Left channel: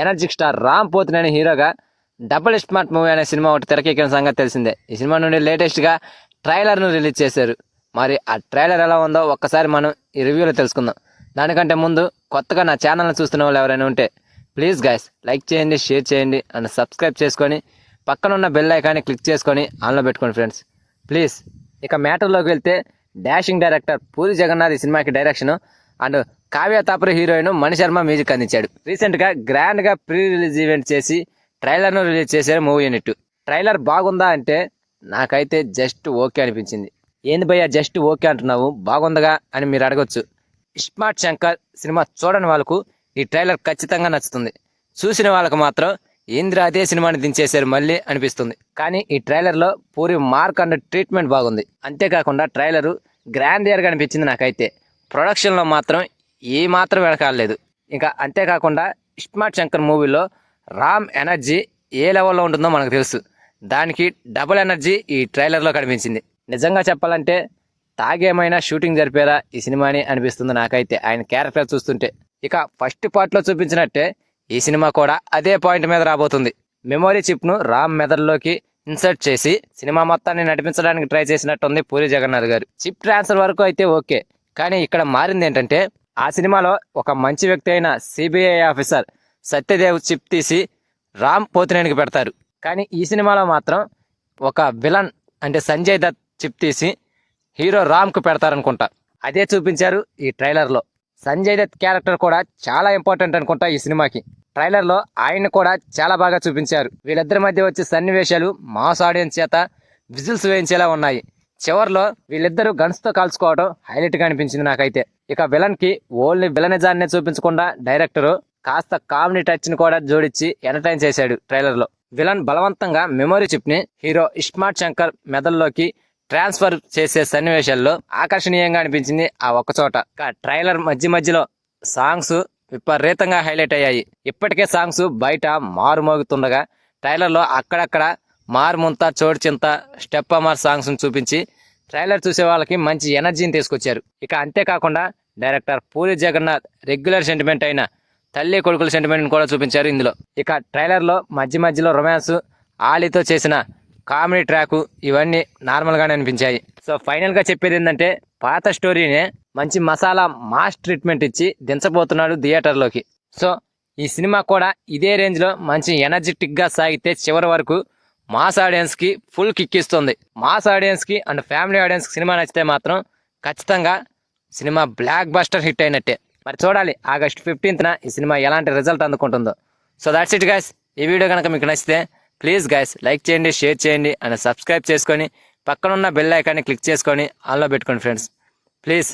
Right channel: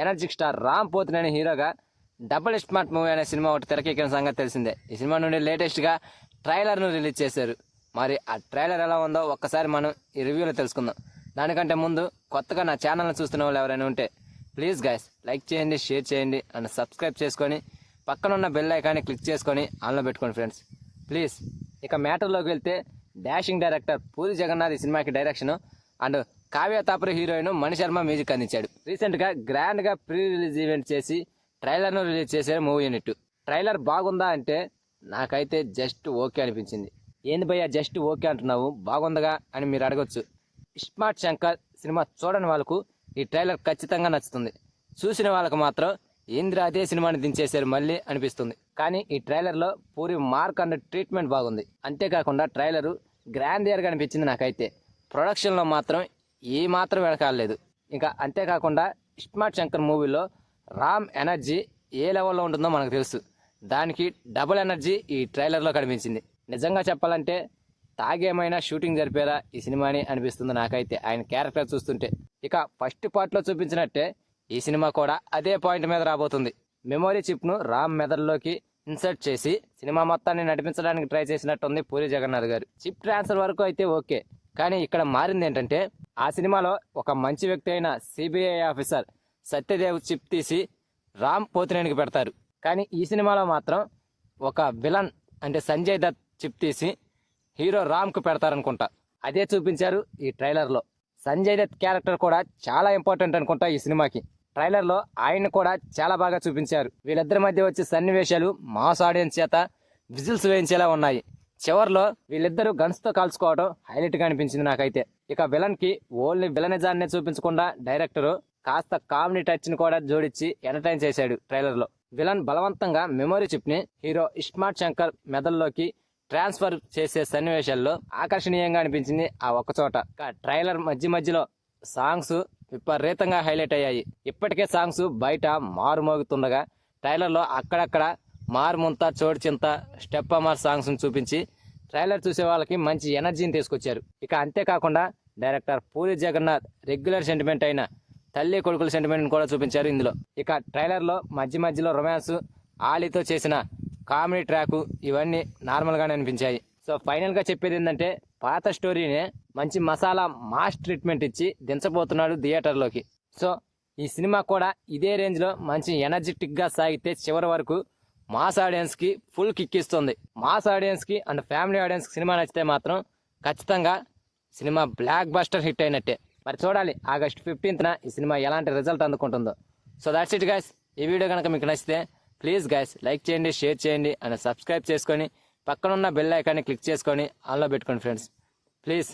Energetic star Ram Pothineni హీరోగా double smart movie అనే cinema ఒకటి తెరకెక్కిన సంగతి తెలిసిందే. ఈ సినిమా నుండి లేటెస్ట్గా ట్రైలర్ను రిలీజ్ చేశారు. మరి ఆ ట్రైలర్ ఎలా ఉందో ఒక్కసారి మనం ఈ రివ్యూలో తెలుసుకుందాం. దానికంటే ముందు కొత్తగా నా ఛానల్ని చూస్తున్న వాళ్ళు ఎవరైనా ఉంటే ప్లీజ్ గైస్ లైక్ చేయండి, షేర్ చేయండి అండ్ సబ్స్క్రైబ్ చేసుకొని పక్కన ఉన్న బెల్ ఐకాన్ని క్లిక్ చేసుకొని ఆన్లో పెట్టుకోండి ఫ్రెండ్స్ ప్లీజ్. ఇక మ్యాటర్లోకి వెళ్తే డాషింగ్ డైరెక్టర్ పూరి జగన్నాథ్ ఈ సినిమాకి direction and Kavya Thapar heroine Mani Sharma music అందించాడు. రీసెంట్గా గ్రాండ్గా ప్రీ రిలీజ్ ఈవెంట్ చేసి ట్రైలర్ను రిలీజ్ చేశారు మూవీ యూనిట్. ట్రైలర్ బాగుందా అంటే నాకైతే జస్ట్ ఓకే అనిపించింది. ఏంది భయ్యా జస్ట్ ఓకే అంటున్నావు, బాగుందగా అని మీరు అడగొచ్చు. స్మార్ట్ శంకర్ సినిమా చూడని వాళ్ళకు ఈ ట్రైలర్ ఖచ్చితంగా నచ్చుతుంది. చూసిన వాళ్ళకు మాత్రం ఏంద్ర అదే సినిమాని దించేశారు మళ్ళీ అనిపిస్తుంది. కానీ ఈ ట్రైలర్లో పూరి మార్క్ అండ్ ట్రీట్మెంట్ బాగుంది. అంతేకాకుండా ట్రైలరు గ్రాండియర్గా అనిపించింది నాకైతే. ప్రొడక్షన్లో మాత్రం ఏ మాత్రం వెనకాలేదు. ఇంకా అంతేకాకుండా స్మార్ట్ శంకర్ మూవీలో రామ్ ఎనర్జీ ఏ లెవెల్లో ఉంటుందో మనకు తెలుసు. దానికి డబుల్ ఎనర్జీ ఈ ట్రైలర్లో కనిపించింది. నిజంగా చెప్పాలంటే తాగేమైనా షూటింగ్ జరిపారా ఈ సినిమాని అనిపిస్తుంది నాకైతే ఆయన క్యారెక్టర్ చూస్తుంటే. ఇక ఫస్ట్ పార్ట్లో చూపించినట్టే ఈ సినిమా కూడా అదే పాయింట్ మీద రాబోతుంది. మెమొరీ చిప్ను రామ్ మెదడులోకి ఇన్సర్ట్ చేసి సినిమా మొత్తాన్ని నడిపించడానికి ట్రై చేసినట్టుంది పూరి జగన్నాథ్ గారు. చిప్ ట్రాన్స్ఫర్ వరకు అయితే ఓకే, కానీ ఇక్కడ మారింది ఏంటంటే ఆ సినిమాలో ఒక మంచి వ్యక్తి అయిన సిబిఐ ఆఫీసర్ సత్యదేవ్ చిప్ తీసి రామ్ పోతినేనికి పెడతారు. కానీ ఈ సినిమాలో మాత్రం ఒక విలన్ అంటే సంజయ్ దత్ చిప్ తీసి హీరో రామ్కు పెడతారనుకుంటా. అదే చూపించారు ఈ ట్రైలర్లో. సంజయ్ దత్ క్యారెక్టర్ కూడా చాలా ఇంపార్టెంట్ అనుకుంటా ఈ సినిమాకి. ట్రైలర్లో ఆయన్ని కూడా చాలా బాగా చూపించారు. వీళ్ళిద్దరి మధ్య వచ్చే సన్నివేశాలు మాస్ ఆడియన్స్ చేత విజిల్స్ వేయించేలా ఉన్నాయి. చివరిలో వీళ్ళిద్దరూ గన్స్తో కాల్చుకోవడం హైలైట్గా అనిపించింది నాకైతే. ఇక విలన్కి ఓన్లీ విలనిజాన్ని చూపించకుండా డైరెక్టరు కాస్త కామెడీ టచ్ని కూడా జోడించి ఎంటర్టైన్ చేశాడు ట్రైలర్లో. విలన్ బలవంతంగా మెమొరీ చిప్ని హీరో స్మార్ట్ శంకర్ మెదడులోకి ట్రాన్స్ఫర్ చేసే సన్నివేశాల్లో ఆకర్షణీయంగా అనిపించింది ఆ ఒక్కచోట. ట్రైలర్ మధ్యలో సాంగ్స్ విపరీతంగా హైలైట్ అయ్యాయి. ఇప్పటికే సాంగ్స్ బయట మారుమోగుతుండగా ట్రైలర్లో అక్కడక్కడ మారుముంత చోటు చింత స్టెప్ అమర్ సాంగ్స్ని చూపించి ట్రైలర్ చూసే వాళ్ళకి మంచి ఎనర్జీని తీసుకొచ్చారు. ఇక అంతేకాకుండా director Puri Jagannadh regular sentiment అయిన తల్లి కొడుకుల సెంటిమెంట్ని కూడా చూపించారు ఇందులో. ఇక ట్రైలర్లో మధ్యలో రొమాన్స్, ఆలీతో చేసిన కామెడీ ట్రాకు ఇవన్నీ నార్మల్గానే అనిపించాయి. సో ఫైనల్గా చెప్పేది ఏంటంటే పాత స్టోరీనే మంచి మసాలా మాస్ ట్రీట్మెంట్ ఇచ్చి దించబోతున్నాడు థియేటర్లోకి. సో ఈ సినిమా కూడా ఇదే రేంజ్లో మంచి ఎనర్జెటిక్గా సాగితే చివరి వరకు మాస్ ఆడియన్స్కి ఫుల్ కిక్ ఇస్తుంది. మాస్ ఆడియన్స్కి అండ్ ఫ్యామిలీ ఆడియన్స్కి సినిమా నచ్చితే మాత్రం ఖచ్చితంగా సినిమా బ్లాక్ బస్టర్ హిట్ అయినట్టే. మరి చూడాలి ఆగస్ట్ 15న ఈ సినిమా ఎలాంటి రిజల్ట్ అందుకుంటుందో. So that's it guys. ఈ వీడియో కనుక మీకు నచ్చితే ప్లీజ్ గైస్ లైక్ చేయండి, షేర్ చేయండి అండ్ సబ్స్క్రైబ్ చేసుకొని పక్కనున్న బెల్ ఐకాన్ని క్లిక్ చేసుకొని ఆన్లో పెట్టుకోండి ఫ్రెండ్స్ ప్లీజ్.